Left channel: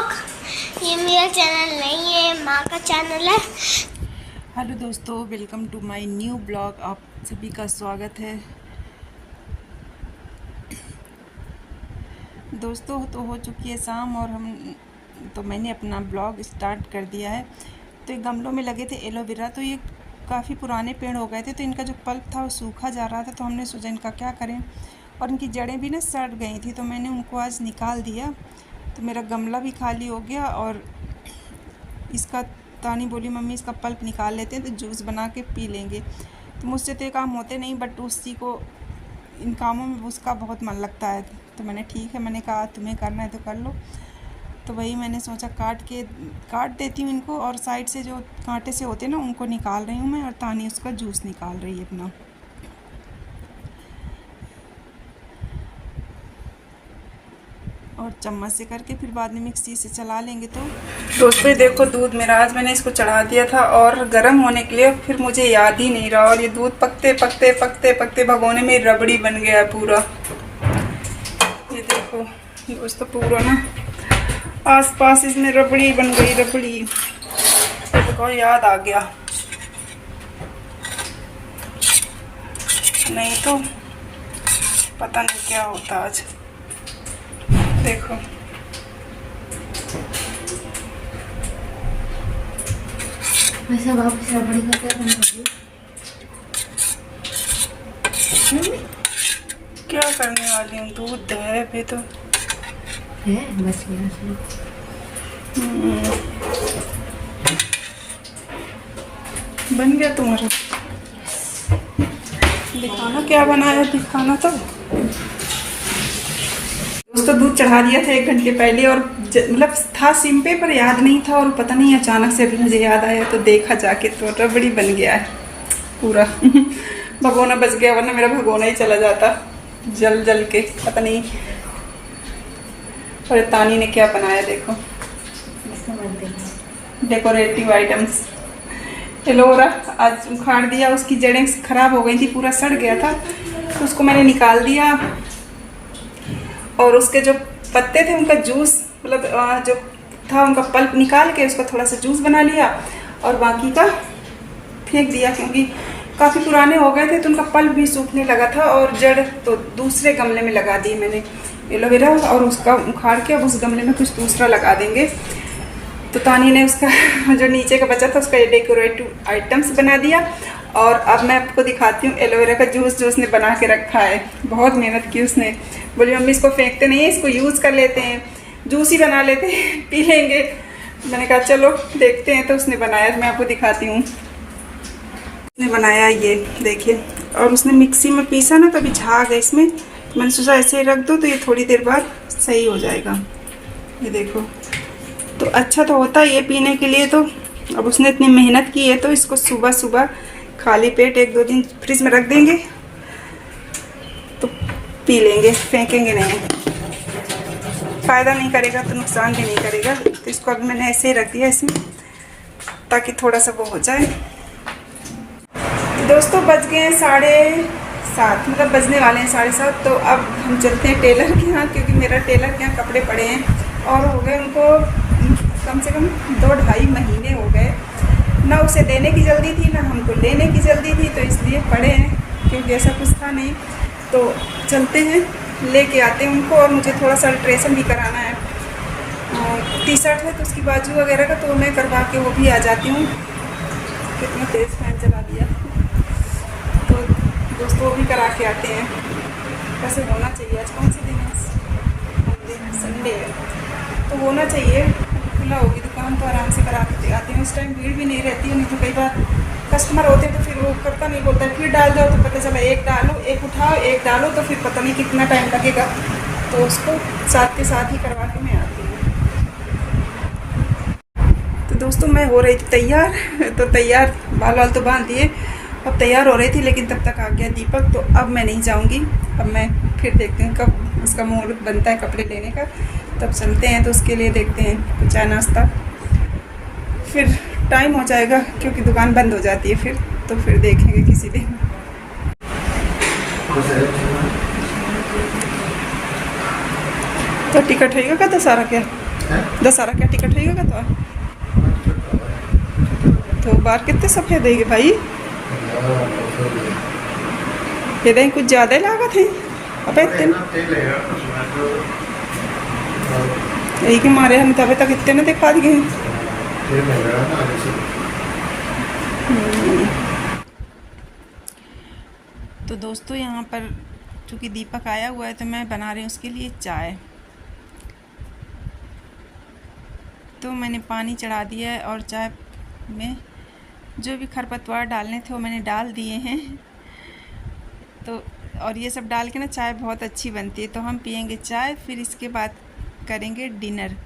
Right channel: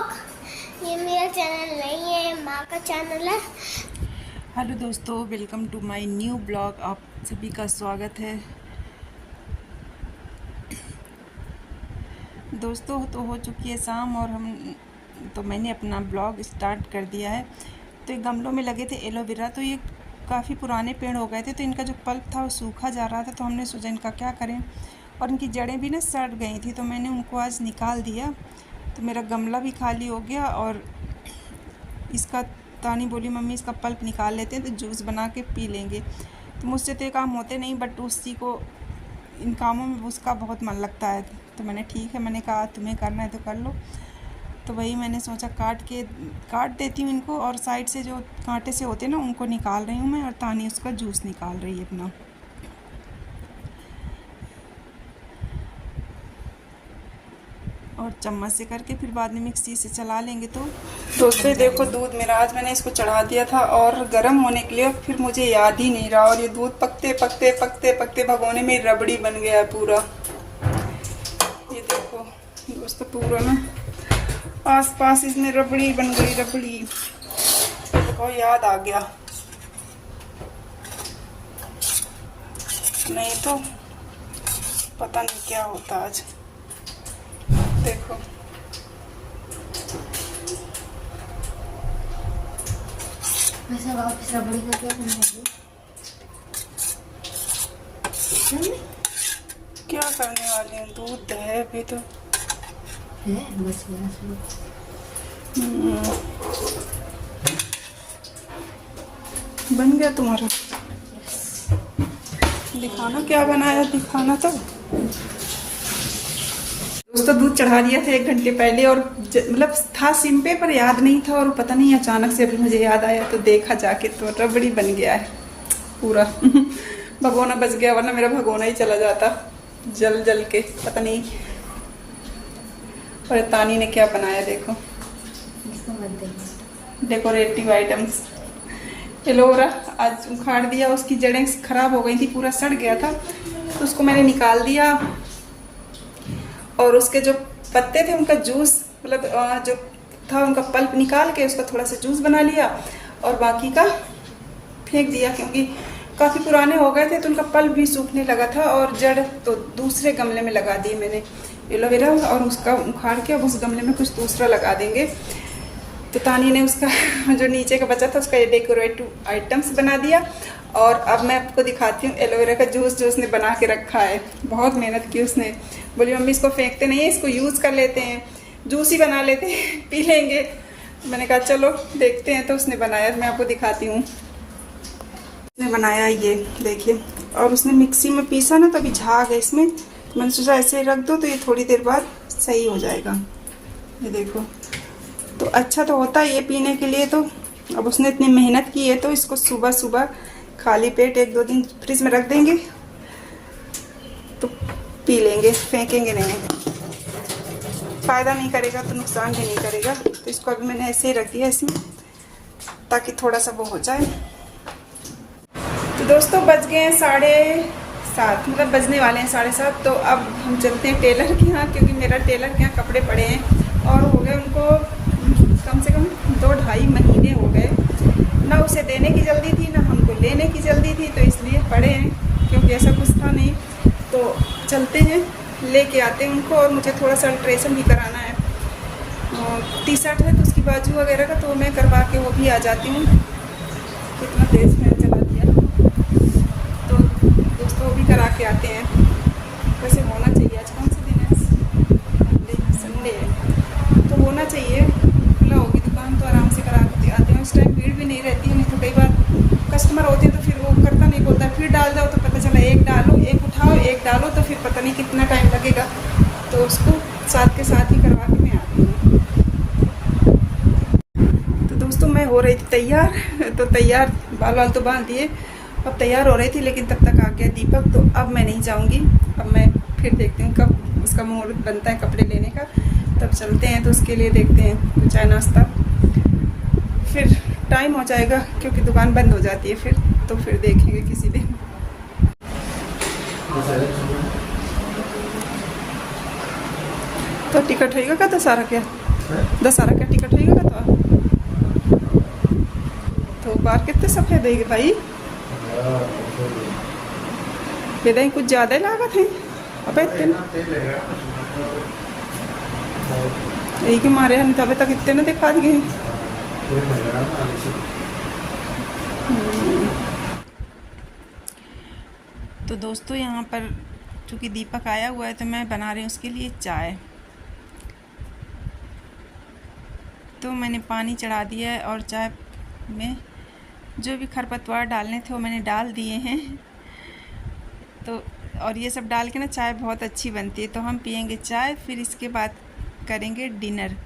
Blog. ये मेरा channel नहीं है, माँ का चैनल है। हेलो दोस्तों, welcome to my new blog. आप सभी का स्वागत है। दोस्तों तो हो चुकी है शाम और मैंने अपना ब्लॉग स्टार्ट कर दिया है। तो ये गमलों में लगे थे एलोवेरा, तो ये काफ़ी पुराने पेड़ हो गए थे, तो इनका जो पल्प था वो सूखा जा रहा था। तो हमने सोचा इनका क्या करें, और इनकी जड़ें भी ना सड़ गई थी, तो मैंने उनको आज निकाल दिया। तो मेरा गमला भी खाली हो गया और इसका तानी बोली मम्मी इसका पल्प निकाल लेते हैं तो जूस बना के पी लेंगे। तो मुझसे तो ये काम होते नहीं, बट उसी को इन कामों में उसका बहुत मन लगता है। तो मैंने ठीक है, मैंने कहा तुम्हें करना है तो कर लो। तो वही मैंने सोचा काट देती हूँ इनको, और साइड से जो कांटे से होते हैं ना उनको निकाल रही हूँ मैं, और तानी उसका जूस निकाल रही है अपना। और चम्मच से करके फिर बाद में मिक्सी से चला लेंगे। तो दोस्तों देखो, दूध मेरा आज मैंने इसको चढ़ा दिया था और गर्म होने के लिए, फिर मुझे याद ही नहीं रहा, और ये दूध पकते पकते पकते पकते भगोने में रबड़ी बन गया है पूरा। ये देखो दोस्तों, पूरा ना आसपास इसमें रबड़ी बन गई, रबड़ी। देखो याद आ गया, नहीं तो पता नहीं क्या होता आज। देखो वैसे वापस रबड़ी का क्या करने वाली हूँ, दूध है अभी तो है बस बन गया तुम्हारा। दिखाना क्या बनाया, दिखाना तो। दोस्तों दूध चढ़ा दिया था 1 घंटे पहले, और मतलब था सिम पे पर याद नहीं था, और पता नहीं अचानक से अभी मुझे याद आया तो देखा जाके, तो रबड़ी बन गया है पूरा। भगोना बच गया, वरना मेरा भगोना ही चला जाता जल जल के, पता नहीं। और तानी ने क्या बनाया देखो, डेकोरेटिव आइटम्स। एलोवेरा आज उखाड़ दिया, उसकी जड़ें खराब हो गई थी, पूरा सड़ गया था, तो उसको मैंने निकाल दिया। और उसके जो पत्ते थे उनका जूस, मतलब जो था उनका पल्प निकाल के उसका थोड़ा सा जूस बना लिया, और बाकी का फेंक दिया, क्योंकि काफ़ी पुराने हो गए थे, तो उनका पल्प भी सूखने लगा था। और जड़ तो दूसरे गमले में लगा दी मैंने एलोवेरा, और उसका उखाड़ के अब उस गमले में कुछ दूसरा लगा देंगे। तो तानी ने उसका जो नीचे का बचा था उसका डेकोरेटिव आइटम्स बना दिया। और अब मैं आपको दिखाती हूँ एलोवेरा का जूस जो उसने बना के रखा है। बहुत मेहनत की उसने, बोली मम्मी इसको फेंकते नहीं है, इसको यूज़ कर लेते हैं, जूस ही बना लेते हैं, पी लेंगे। मैंने कहा चलो देखते हैं। तो उसने बनाया, मैं आपको दिखाती हूँ। उसने बनाया ये देखिए, और उसने मिक्सी में पीसा ना, तो अभी झाग है इसमें, तो मैंने सोचा ऐसे ही रख दो तो ये थोड़ी देर बाद सही हो जाएगा। ये देखो, तो अच्छा तो होता है ये पीने के लिए। तो अब उसने इतनी मेहनत की है, तो इसको सुबह सुबह खाली पेट 1-2 दिन फ्रिज में रख देंगे तो पी लेंगे, फेंकेंगे नहीं। फ़ायदा नहीं करेगा तो नुकसान भी नहीं करेगा। तो इसको अब मैंने ऐसे ही रख दिया इसमें, ताकि थोड़ा सा वो हो जाए। दोस्तों बज गए हैं 7:30, मतलब बजने वाले हैं 7:30। तो अब हम चलते हैं टेलर के यहाँ, क्योंकि मेरा टेलर के यहाँ कपड़े पड़े हैं, और हो गए उनको कम से कम 2-2.5 महीने हो गए। ना उसे देने की जल्दी थी, ना हमको लेने की जल्दी थी, तो इसलिए पड़े हैं, क्योंकि ऐसा कुछ था नहीं। तो चलते हैं, लेके आते हैं उनको। और मुझे थोड़ा सा अल्ट्रेशन भी कराना है, टी-शर्ट है तो उसकी बाजू वगैरह का, तो मैं करवा के वो भी आ जाती हूँ। कितना तेज फैन चला दिया, तो दोस्तों वो भी करा के आते हैं। वैसे होना चाहिए, आज कौन सी दिन है, संडे है, तो होना चाहिए, खुला होगी दुकान तो आराम से करा के आते हैं। उस टाइम भीड़ भी नहीं रहती है, नहीं तो कई बार कस्टमर होते हैं तो फिर वो करता नहीं, बोलता है फिर डाल दो, तो पता चला एक डालो, एक उठाओ, एक डालो, तो फिर पता नहीं कितना टाइम लगेगा। तो उसको साथ के साथ ही करवा के मैं आती हूँ। तो दोस्तों मैं हो रही थी तैयार, तो तैयार बाल वाल तो बांध दिए, अब तैयार हो रही थी, लेकिन तब तक आ गया दीपक। तो अब मैं नहीं जाऊँगी, अब मैं फिर देखती हूँ कब उसका मुहूर्त बनता है कपड़े लेने का, तब चलते हैं। तो उसके लिए देखते हैं चाय नाश्ता, फिर टाइम हो जाएगा, क्योंकि दुकान बंद हो जाती है फिर। तो फिर देखेंगे किसी दिन। तो टिकट है का सारा क्या दशहरा क्या टिकट रहेगा तो बार कितने सफ़ेद देगी भाई, ये दें कुछ ज़्यादा ही लागत है। अबे इतने यही के मारे हम तब तक इतने ने दिखा दिए। तो दोस्तों यहाँ पर चूँकि दीपक आया हुआ है तो मैं बना रही हूँ उसके लिए चाय। तो मैंने पानी चढ़ा दिया है और चाय में जो भी खरपतवार डालने थे वो मैंने डाल दिए हैं। तो और ये सब डाल के ना चाय बहुत अच्छी बनती है। तो हम पियेंगे चाय, फिर इसके बाद करेंगे डिनर।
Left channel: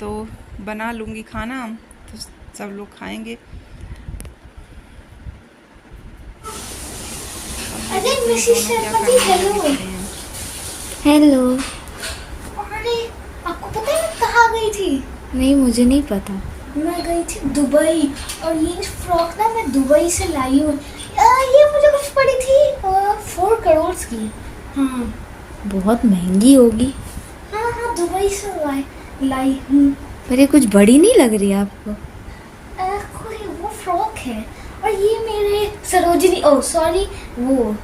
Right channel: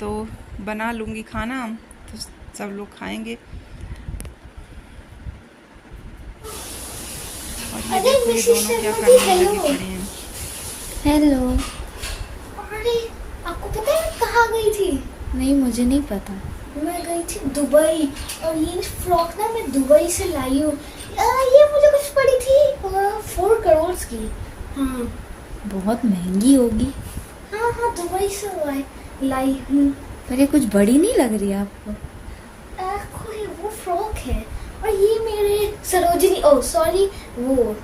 तो बना लूँगी खाना तो सब लोग खाएंगे। और ये देखो ये दोनों क्या करने लगे पड़े हैं। हेलो। अरे आपको पता है मैं कहाँ गई थी? नहीं, मुझे नहीं पता। मैं गई थी दुबई, और ये फ्रॉक ना मैं दुबई से लाई हूँ। ये मुझे कुछ पड़ी थी 4 करोड़ की। हाँ बहुत महंगी होगी। हाँ दुबई से लाई हूँ। मेरे कुछ बड़ी नहीं लग रही आपको? कोई वो फ्रॉक है, और ये मेरे सरोजिनी सॉरी वो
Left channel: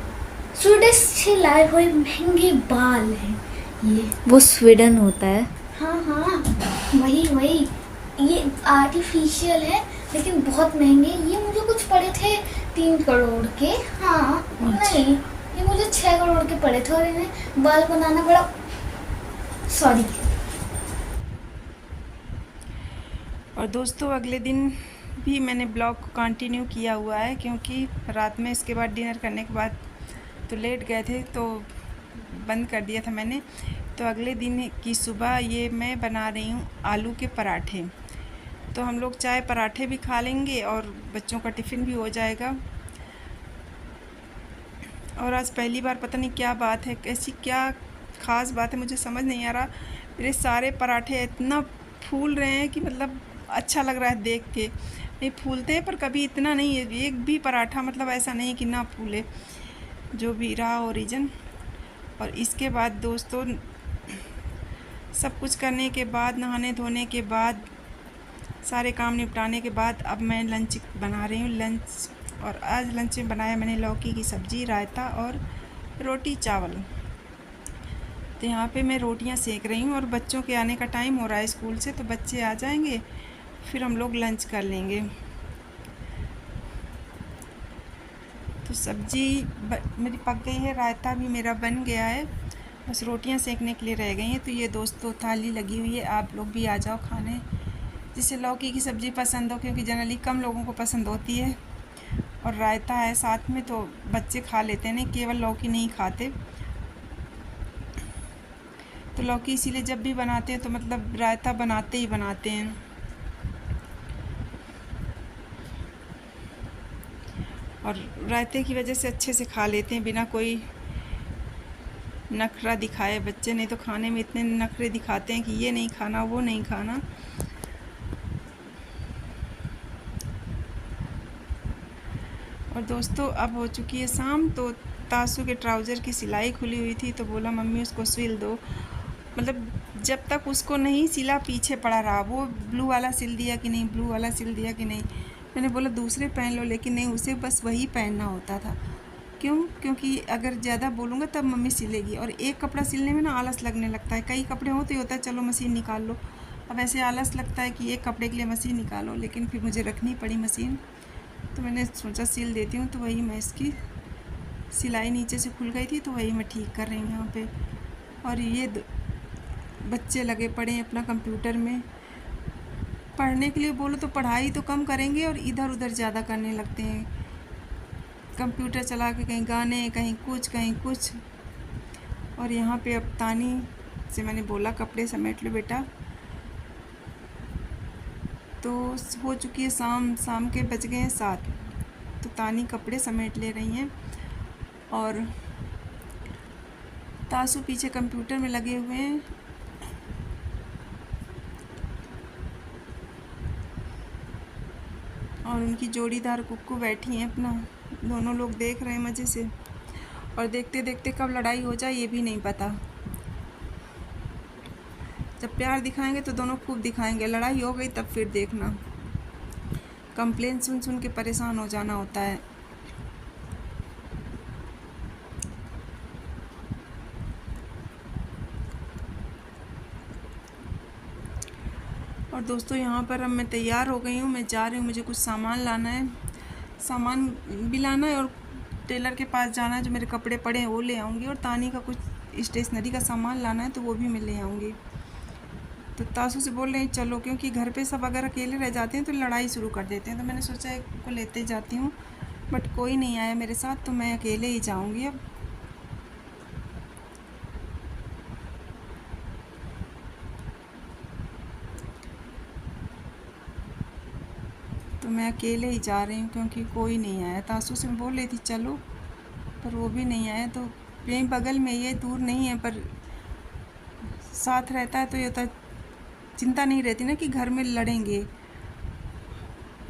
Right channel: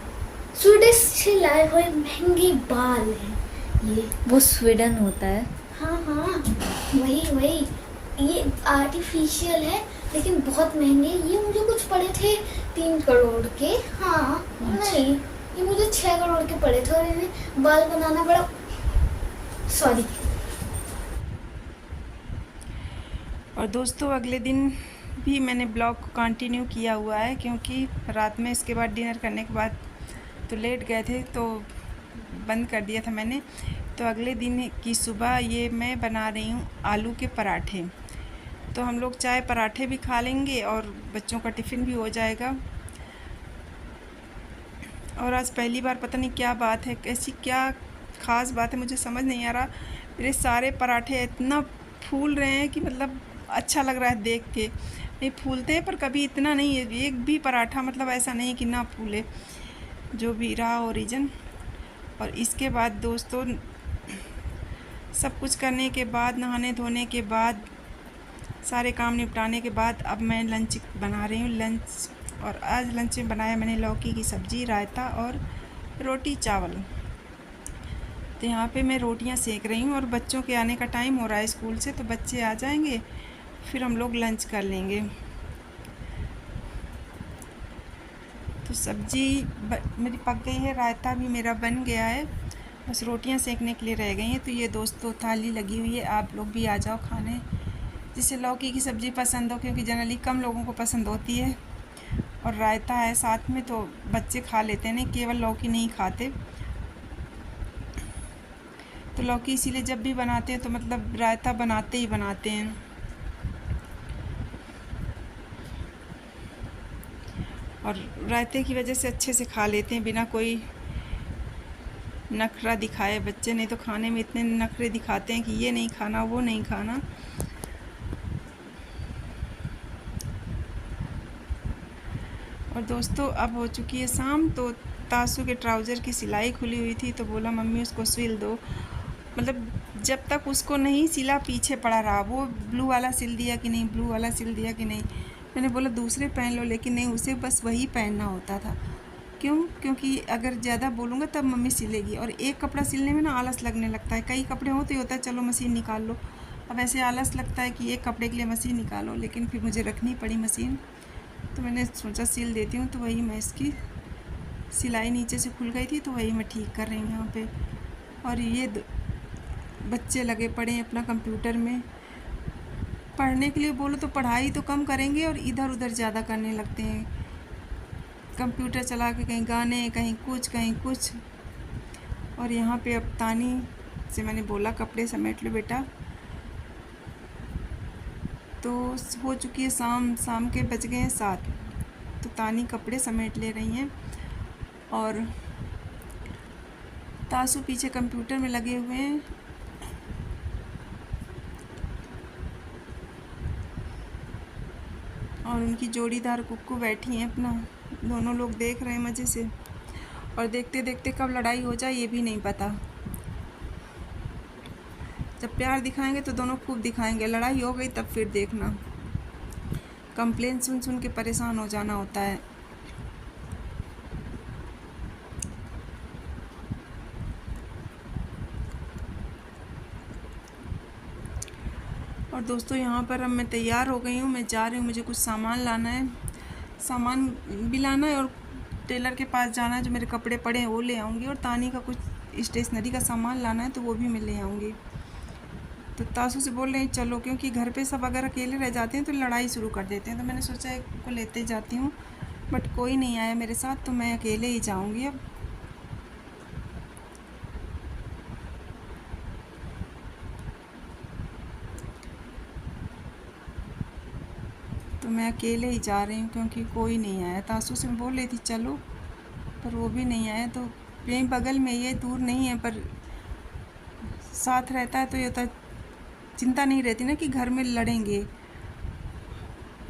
स्वीडिश से लाए हुए महंगे बाल हैं ये। वो स्वीडन होता है। हाँ वही ये आर्टिफिशियल है लेकिन बहुत महंगे। ये मुझे कुछ पड़े थे 3 करोड़ के। हाँ नहीं, ये मुझे 6 करोड़ के पड़े थे, और इन्हें बाल बनाना बड़ा सॉरी। और दोस्तों अगले दिन भी मैंने ब्लॉग को कंटिन्यू किया हुआ है, क्योंकि रात में इसके बाद डिनर करने के बाद तो लेट गए थे तो बंद कर दिया था मैंने। तो अगले दिन की सुबह ये मैं बना रही हूँ आलू के पराठे। तो हम लोग चाय पराठे भी खा लेंगे और बच्चों का टिफ़िन भी हो जाएगा। और आज पहली बार पता नहीं क्या बात है, कैसी क्या ख़ास बात है मुझे समझ नहीं आ रहा, मेरे सारे पराठे इतना फूल रहे हैं कि मतलब अच्छा लग रहा है देख के। नहीं फूलते हैं पर कभी इतना नहीं है, एक भी पराठा मतलब ऐसा नहीं कि ना फूले, जो भी रहा हो रीज़न। और इसके बाद दोस्तों सब कुछ करने के बाद, नहाने धोने के बाद, सारे काम निपटाने के बाद अब मैं लंच बना रही हूँ लंच। और आज लंच में बनाया मैंने लौकी की सब्ज़ी, रायता और रोटी चावल। तो यहाँ पे मैं रोटियाँ सेक रही हूँ और बच्चों के आने का टाइम हो रहा है स्कूल से, तो बच्चे आ जाएंगे फिर हम लोग लंच कर लेंगे। तो सब्ज़ी मेरी पक गई है, रायता भी मेरा बन गया है, बस रोटियां सेकने के लिए रह गई हैं। तो ये दोस्तों थाली लगी हुई है, आप लोग भी आ जाओ खाने, जिसे लौकी की सब्ज़ी पसंद हो, क्योंकि जनरली कम लोगों को पसंद होती है। और रायता है साथ में तो बच्चे खा लेते हैं, नहीं केवल लौकी नहीं खाते। तो लौकी इसीलिए जब भी बनाते हैं तो मतलब रायता बनाते ही बनाते हैं। और रायते की वजह से अच्छे से खा लेते हैं बिना कोई नखरा दिखाए बच्चे, नहीं तो खाने में इतने नखरे दिखाते हैं कि ये नहीं खाना वो नहीं खाना। और दोस्तों अब हो चुकी है शाम, तो तासू के ट्राउज़र की सिलाई खुली हुई थी तो बोला मम्मी उसको सिल दो। मतलब जब तक उसको नहीं सिला पीछे पड़ा रहा, वो ब्लू वाला सिल दिया कि नहीं, ब्लू वाला सिल दिया कि नहीं। मैंने बोला दूसरे पहन लो, लेकिन नहीं, उसे बस वही पहनना होता था। क्योंकि अगर ज़्यादा बोलूँगा तब मम्मी सिलेगी, और एक कपड़ा सिलने में ना आलस लगने लगता है। कई कपड़े हो तो ये होता है चलो मशीन निकाल लो, अब ऐसे आलस लगता है कि एक कपड़े के लिए मशीन निकालो, लेकिन फिर मुझे रखनी पड़ी मशीन। तो मैंने सोचा सिल देती हूँ, तो वही मैं इसकी सिलाई नीचे से खुल गई थी तो वही मैं ठीक कर रही हूँ यहाँ पे। और ये बच्चे लगे पड़े हैं अपना कंप्यूटर में पढ़ने के लिए, बोलो तो पढ़ाई तो कम करेंगे और इधर उधर ज़्यादा करने लगते हैं। कंप्यूटर चला के कहीं गाने, कहीं कुछ। और यहाँ पे अब तानी से मैंने बोला कपड़े समेट लो बेटा, तो हो चुकी है शाम के बज गए हैं 7। तो तानी कपड़े समेट ले रही हैं और तासू पीछे कंप्यूटर में लगे हुए हैं। और उनकी जोड़ीदार कुक्कू बैठी हैं अपना, दोनों लोग देख रहे हैं मज़े से। और देखते देखते कब लड़ाई हो जाए ये भी नहीं पता। जब प्यार दिखाएंगे तो दोनों खूब दिखाएंगे, लड़ाई हो गई तब फिर देखना। कंप्लेन सुन सुन के परेशान हो जाना होता है। और दोस्तों यहाँ पर अब मैं तैयार हो गई हूँ, मैं जा रही हूँ, मुझे कुछ सामान लाना है, सामान भी लाना है और टेलर के पास जाना है, जो मेरे कपड़े पड़े हैं वो ले आऊँगी, और तानी का कुछ स्टेशनरी का सामान लाना है तो वो भी मैं ले आऊँगी। तो तासू से बोल रही चलो, क्योंकि घर पे सब अगर अकेले रह जाते हैं तो लड़ाई शुरू कर देते हैं, तो मैंने सोचा एक को लेते जाती हूँ, बट कोई नहीं आया मेरे साथ तो मैं अकेले ही जाऊँगी अब। तो मैं अकेले ही जा रही हूँ क्योंकि कोई नहीं आया। तासू से बोल रही थी चलो, पर वो भी नहीं आया। तो यहीं बगल में, ये दूर नहीं है, पर साथ रहता है तो ये होता, चिंता नहीं रहती ना कि घर में लड़ेंगे,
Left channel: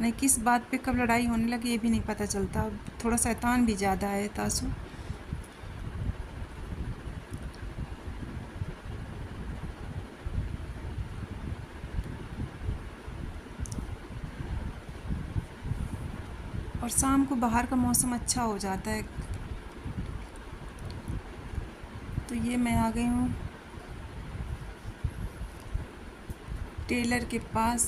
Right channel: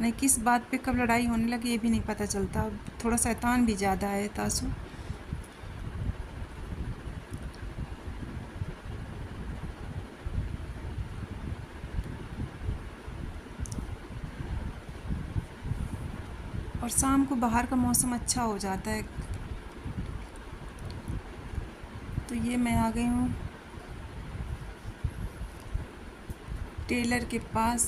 नहीं किस बात पे कब लड़ाई होने लगे ये भी नहीं पता चलता। थोड़ा शैतान भी ज़्यादा है तासू। और शाम को बाहर का मौसम अच्छा हो जाता है। तो ये मैं आ गई हूँ टेलर के पास।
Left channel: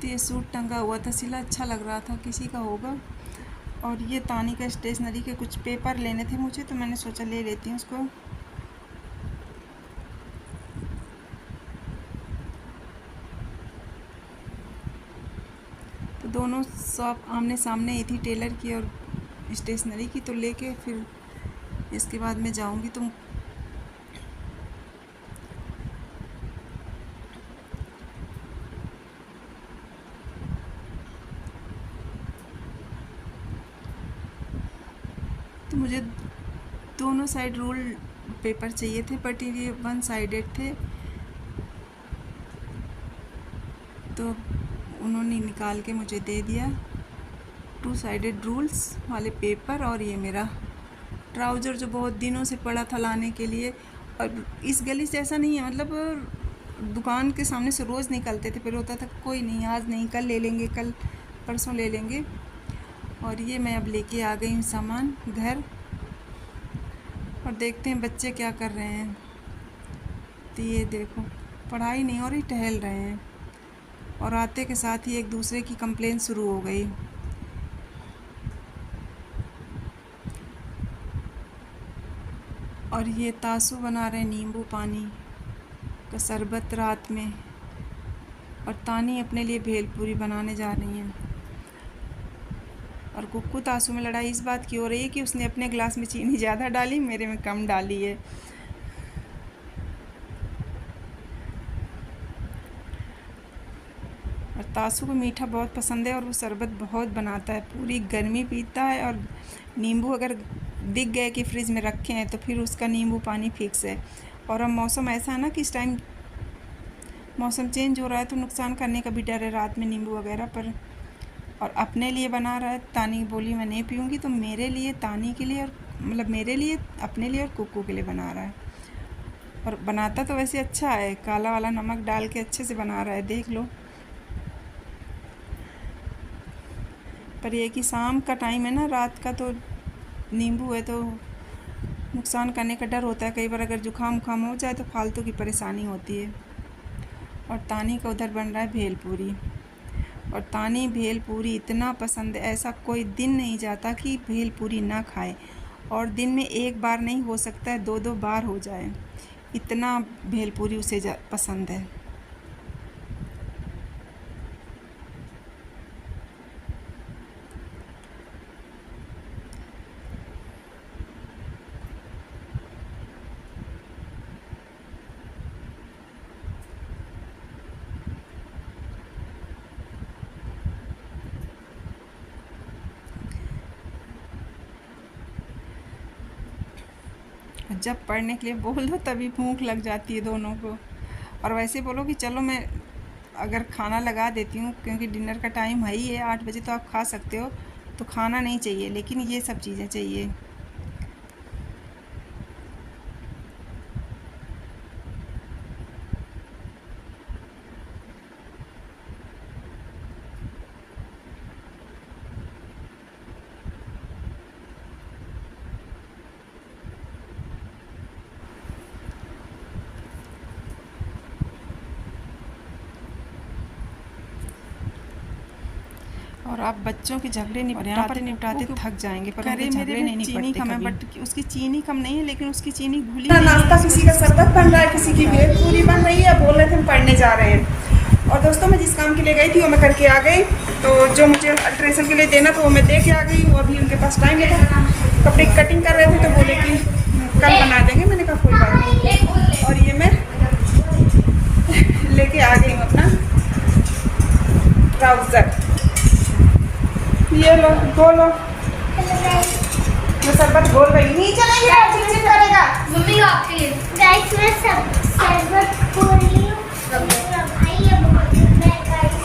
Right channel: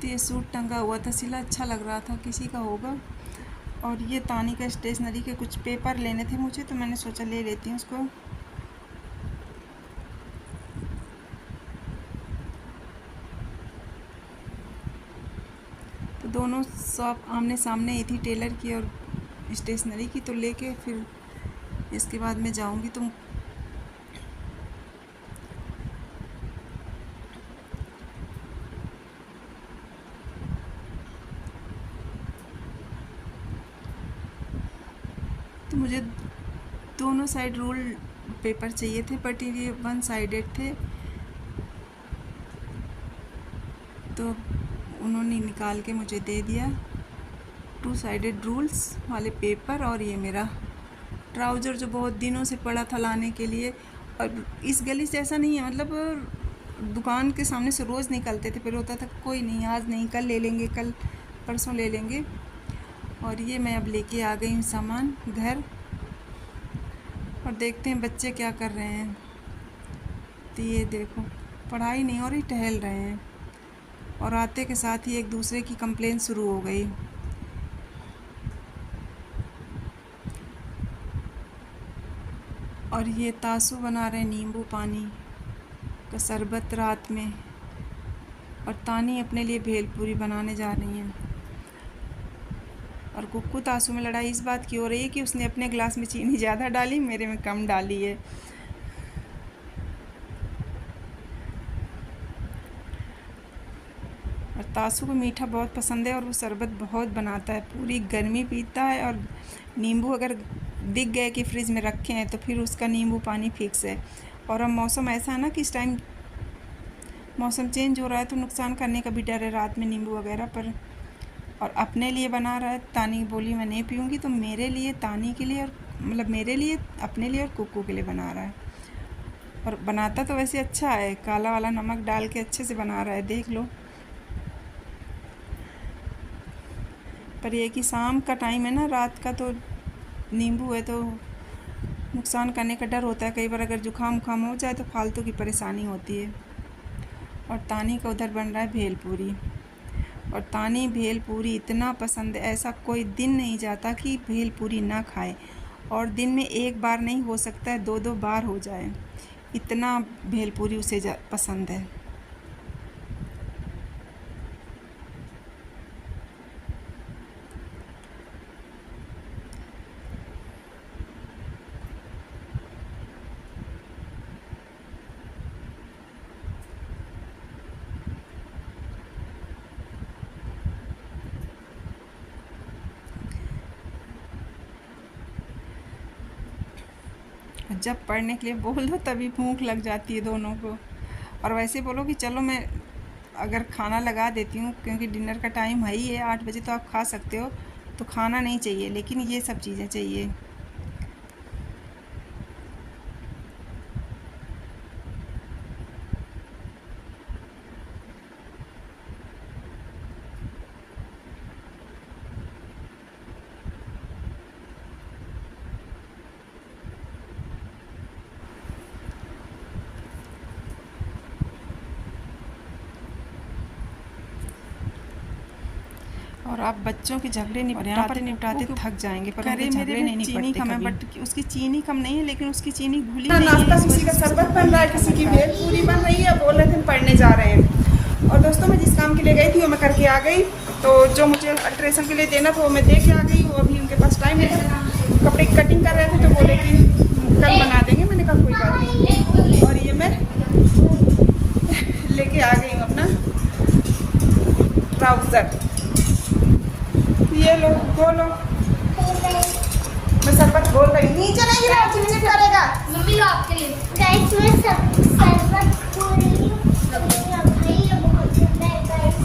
तो ये सूट टंगा हुआ था, सिला अच्छा लग रहा था, किसी का होगा। और ये तानी का स्टेशनरी के कुछ पेपर लेने थे मुझे, तो मैंने सोचा ले लेती हूँ उसको। तो दोनों शॉप आमने सामने ही थी, टेलर की और स्टेशनरी की, तो लेके फिर इसके बाद मैं जाऊँगी। तो मुझे दोनों साइड रूल पेपर चाहिए थे, बट ये वन साइडेड थे, तो उन्होंने निकाल के मुझे दे दिया 2 साइडेड रूल्स वाले पेपर। और ये मेरा ट्राउज़र जो बहुत दिनों से पड़ा था लाने के लिए। और इस गली से ऐसा नहीं है, मतलब दुकान के सामने से रोज़ निकलते थे, फिर होता था कोई नहीं, आज नहीं, कल ले लेंगे, कल परसों ले लेंगे। और ये मैं अब लेके आ गई हूँ सामान घर, और देखते हैं बच्चे क्या कर रहे हैं। तो ये देखो, पढ़ाई नहीं हो रही, टहल रहे हैं, और आते के साथ ही एक दूसरे की कंप्लेन शुरू हो गई। और ये तासू बना रहे हैं नींबू पानी का शरबत रात में, और तानी अपने लिए भेलपूरी बनाने जा रही हैं। और कुक्कू तासू में लड़ाई इस बात की हो रही है कि उसने अपने गिलास में चीनी ज़्यादा डाली, मेरे में कम डाली है। और तासू को मीठा बहुत पसंद है और वो शरबत बहुत बनाता है, पूरी गर्मी पीता है। और नींबू अगर दिख गए कि फ्रिज में रखे हैं तो फिर उसका नींबू पानी फिक्स है। और अब मौसम ऐसा है ना कि इस टाइम मौसम चेंज हो रहा है, तो नुकसान करने का भी डर है रात में नींबू वगैरह पर। और अपने लिए बना रहा है। तानी बोली मैं नहीं पीऊँगी, तो मेरे लिए, तानी के लिए, और मतलब मेरे लिए, अपने लिए और कुक्कू के लिए बना रहा है। और बनाता तो वैसे अच्छा है, काला वाला नमक डाल के अच्छे से बना रहा है, देख लो। पर ये कि शाम का टाइम है ना, रात का, तो नींबू है तो नुकसान करने का डर होता है। कई बार अगर जुकाम उखाम हो जाए तो फालतू की परेशानी होती है। और तानी का उधर बन रहा है भेलपूरी, और तानी भेलपूरी इतना पसंद है, ऐसा कोई दिन नहीं जाता कि भेलपूरी ना खाए। और दिन में एक बार नहीं, हो सकता है 2-2 बार हो जाए, इतना भेलपूरी उसे पसंद है। जब पढ़ने के लिए बोल दो तभी भूख लग जाती है दोनों को। और वैसे बोलो कि चलो मैं अगर खाना लगा देती हूँ, क्योंकि डिनर का टाइम है ही है, 8 बजे तो आप खा सकते हो, तो खाना नहीं चाहिए, लेकिन ये सब चीज़ें चाहिए। और आप बच्चों के झगड़े निपटाते थक जाएंगे, पर करे मेरे में चीनी कम है, बट उसकी चीनी कम नहीं है, लेकिन उसकी चीनी घुली नहीं है। नाश्ता किसी का शरबत बन रहा है, किसी की भेलपूरी बन रही है। बोल रहे थे हम पढ़ने जा रहे हैं। और दोस्तों मैं जिस काम के लिए गई थी वो मैं करके आ गई। तो जो मुझे अल्ट्रेशन के लिए देना था वो मैं दे के आ गई हूँ। अभी उनके पास टाइम है, कपड़े कटिंग कर रहे थे तो बोले कि कल बना देंगे। मैंने कहा कोई बात नहीं। और ये मैं लेके आ गई हूँ अपना ट्राउजर। ये लो, धो लो। मैं शरबत घोल रही हूँ। नीचे नहीं है, चिपचिप करेगा। मम्मी का आपके लिए गाइस मैं सब शरबत खोल रही हूँ। भाई ये बहुत है गाइस।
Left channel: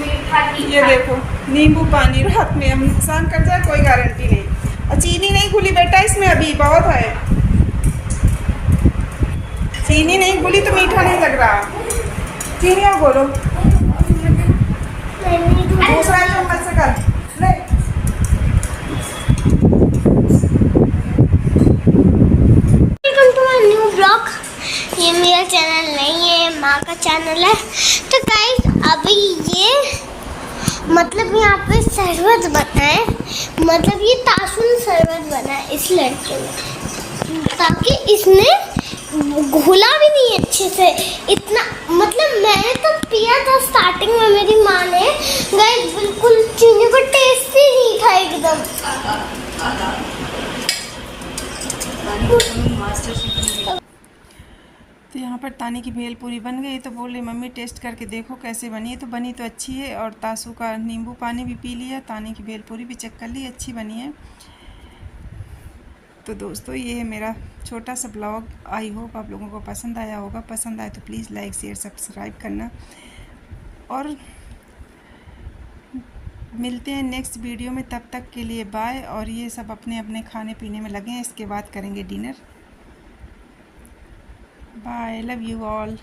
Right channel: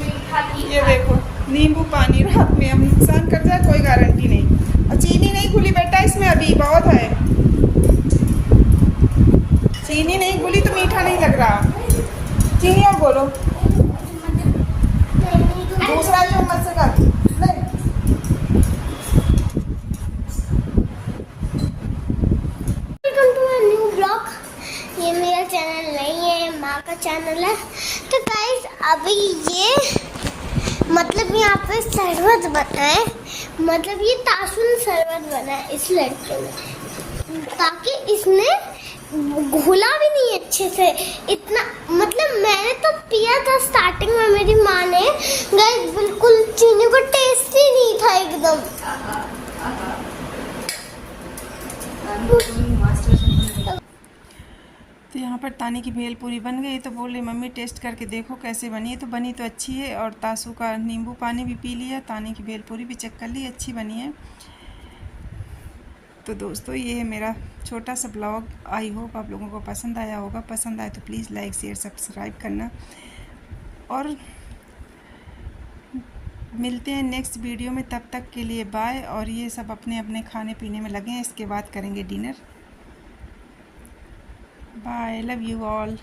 मीठा की ये देखो नींबू पानी रात में हम नुकसान कर जाए कोई गारंटी नहीं। और चीनी नहीं घुली बेटा इसमें, अभी बहुत है। चीनी नहीं घुली तो मीठा नहीं लग रहा। चीनी और बोलो दूसरा चम्मच से कर ले। Welcome to my new blog. ये मेरा चैनल नहीं है, ये माँ का चैनल है। तो गाइस अभी ये मतलब यहाँ पे शरबत बना है, मतलब ये तासुन शरबत बना है इस लड़के में, ताकि इसने घुला भी नहीं अच्छे से इतना। मतलब मैंने तो पिया था स्टार्टिंग में मेरी माँ ने, गाइस बिल्कुल चीनी का टेस्ट ही नहीं था एकदम। तो यहाँ पर तानी की भेलपूरी बन गई। तो बोल रही मम्मी टेस्ट करके देखो कैसे बनी है। तो बनी तो अच्छी है। और तासू का नींबू पानी भी पी लिया, तानी की भेलपूरी भी चेक कर ली, अच्छी बनी है। तो दोस्तों ये है मेरा छोटा सा ब्लॉग। आई होप आप लोगों को पसंद आया होगा। पसंद आए तो प्लीज़ लाइक शेयर सब्सक्राइब करना। और मिलते हैं नेक्स्ट वीडियो में, तब तक के लिए बाय। और ये सब अपने अपने खाने पीने में लगे हैं, इसके बाद करेंगे dinner. Bye, love you all.